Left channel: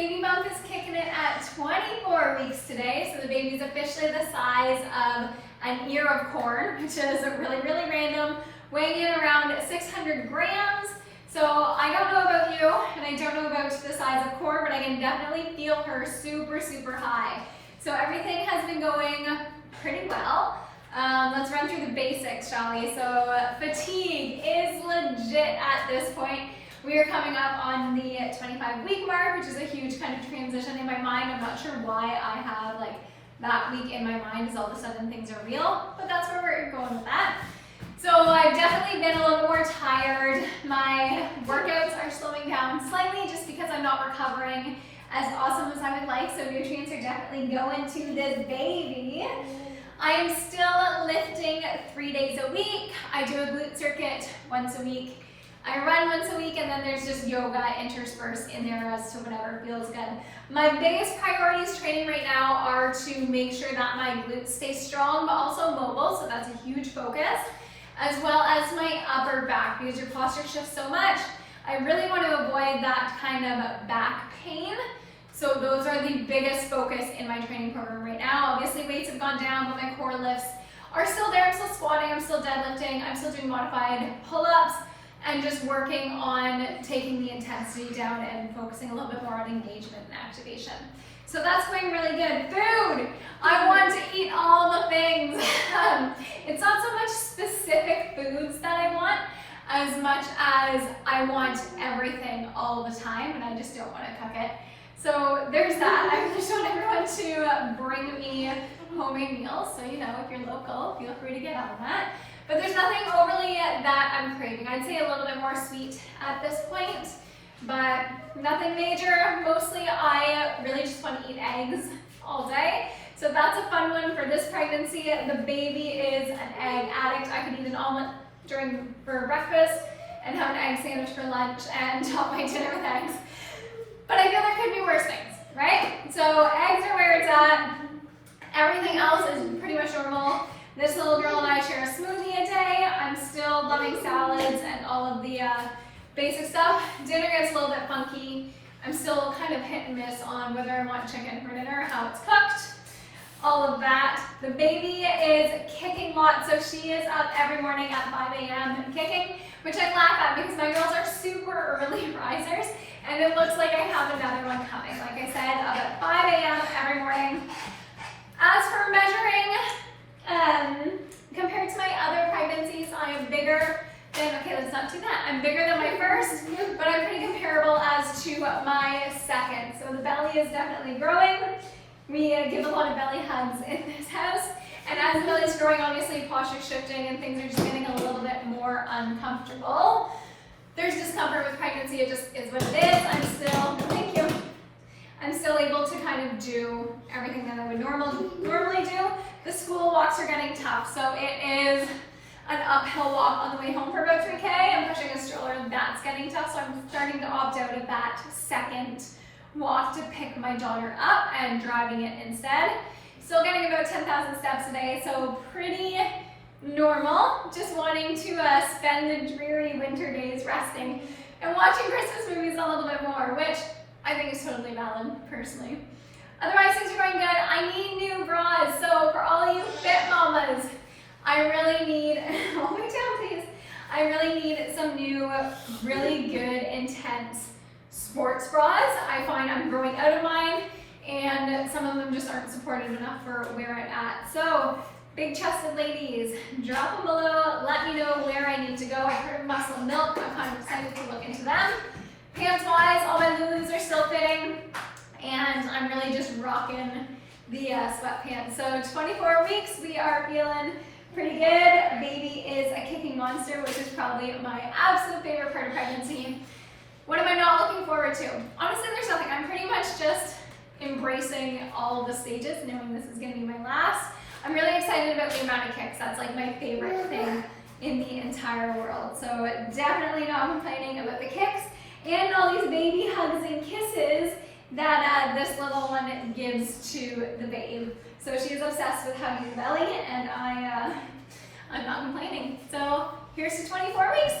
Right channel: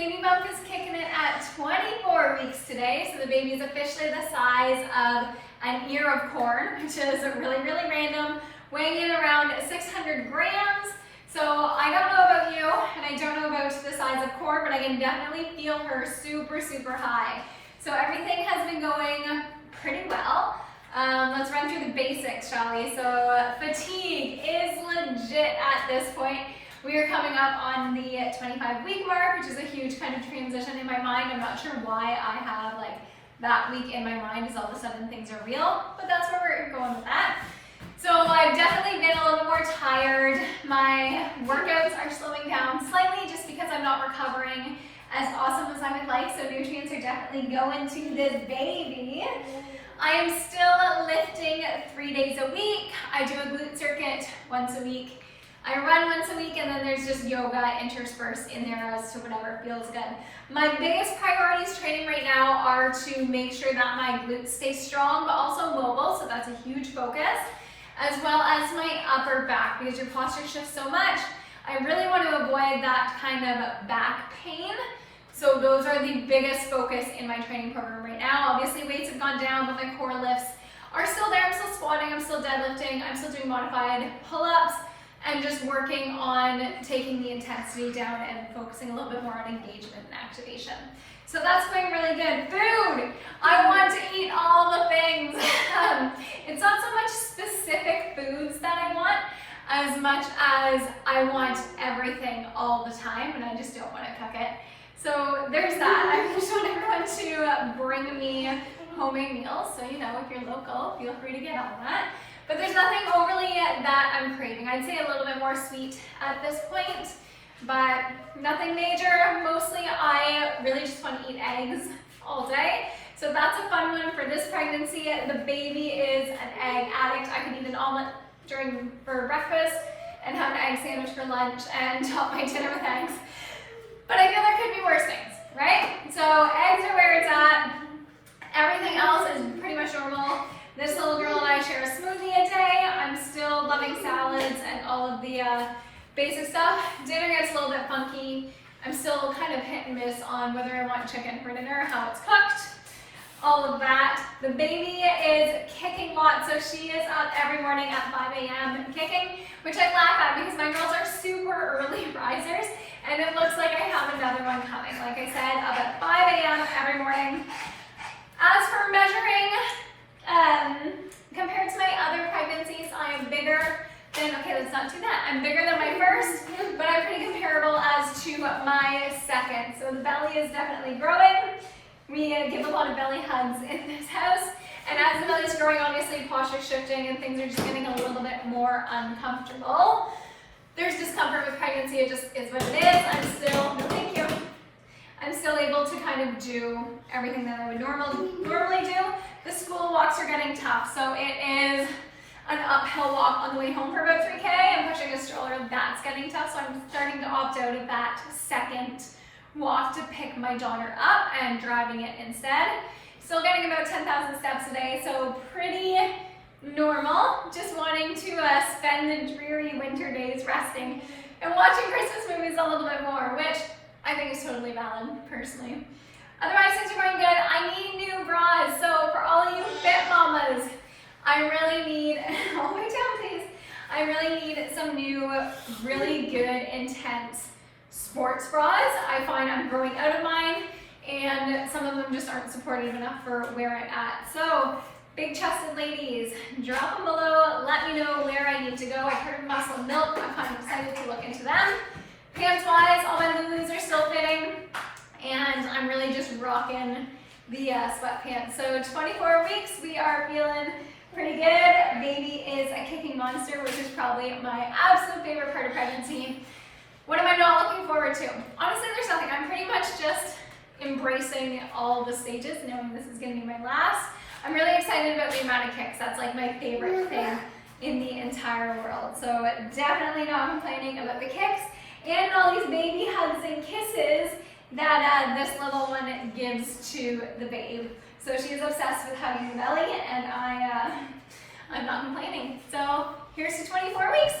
baby bump is kicking it at 24 weeks today. So the baby's officially the size of an ear of corn, which is really, really random, weighing in around 600 grams. So I don't know about you, and I don't know about the size of corn, but I can definitely feel her super, super high. So everything has been going pretty well. Let's run through the basics, shall we? So fatigue is legit at this point. We are coming up on the 25-week mark, which is a huge kind of transition in my mind. I'm not sure why I have like that week in my mind, as all of a sudden things are real, but that's where we're going with that. So I've definitely been a little bit more tired. My workouts are slowing down slightly just because I'm not recovering as awesome as I would like. So nutrients are definitely going to this baby. I am still lifting 3 days a week. I do a glute circuit once a week. I run once a week, and then there's just yoga interspersed in there as to whatever feels good. My biggest priorities training right now are to make sure that my glutes stay strong, but also mobile, so that's a huge focus, as well as my upper back, because your posture shifts so much. I really want to avoid that kind of back pain. So those are the biggest focus in my training program right now. Obviously weights have gone down, but my core lifts are still there. I'm still squatting, I'm still deadlifting, I'm still doing modified pull-ups, and just working on taking the intensity down and focusing a little bit more on engagement and activation. So that's going really good. Food! I want to eat all the things. It's not so much specific foods that I want, as much as I want everything all the time, and I just don't want to cook it. So there's that. I just want everyone to bring me homemade meals. So, you know, if you're local, feel free to get on that. But there's nothing overly that I'm craving. I'd say a little bit more sweet at this point, but nothing major. Mostly I really just want to eat eggs all day. So that's a fun one for this pregnancy. The baby is an egg addict. I could eat an omelet for breakfast and have an egg sandwich for lunch and top my dinner with eggs. But I feel there could be worse things, right? So eggs are where it's at. Everything else is pretty much normal. This little girl and I share a smoothie a day. I'm still loving salads and all of the basic stuff. Dinner gets a little bit funky. I'm still kind of hit and miss on whether I want chicken for dinner, how it's cooked, all of that. The baby is kicking lots, so she is up every morning at 5 a.m. kicking, which I laugh at because my girls are super early risers, and it looks like I have another one coming. Like I said, up at 5 a.m. every morning. As for measuring, compared to my other pregnancies, I am bigger than, okay, let's not do that. I'm bigger than my first, but I'm pretty comparable as to my second. So the belly is definitely growing. We give a lot of belly hugs in this house. And as the belly is growing, obviously posture shifting and things are just getting a little bit more uncomfortable. There's discomfort with pregnancy, it just is what it is. I'm still able to kind of do everything that I would normally do. The school walks are getting tough, so it is an uphill walk on the way home for about 3K. I'm pushing a stroller, that's getting tough, so I'm starting to opt out of that second walk to pick my daughter up and driving it instead. Still getting about 10,000 steps a day, so pretty normal. Just wanting to spend the dreary winter days resting and watching Christmas movies a little bit more, which I think is totally valid, personally. Otherwise, things are going good. I need new bras, so for all you fit mamas, I really need, hold me down please, I really need some new, really good, intense sports bras. I find I'm growing out of mine, and some of them just aren't supportive enough for where I'm at. So, big chested ladies, drop them below, let me know where I need to go. I've heard of Muscle and Milk, I'm kind of excited to look into them. Pants wise, all my Lulus are still fitting, and I'm really just rocking the sweatpants. So 24 weeks, we are feeling pretty good. Baby is a kicking monster, which is probably my absolute favorite part of pregnancy. What am I not looking forward to? Honestly, there's nothing. I'm pretty much just embracing all of the stages, knowing this is going to be my last. I'm really excited about the amount of kicks. That's like my favorite thing in the entire world. So definitely not complaining about the kicks and all these baby hugs and kisses that this little one gives to the babe. So she is obsessed with hugging the belly, and I'm not complaining. So here's to 24 weeks.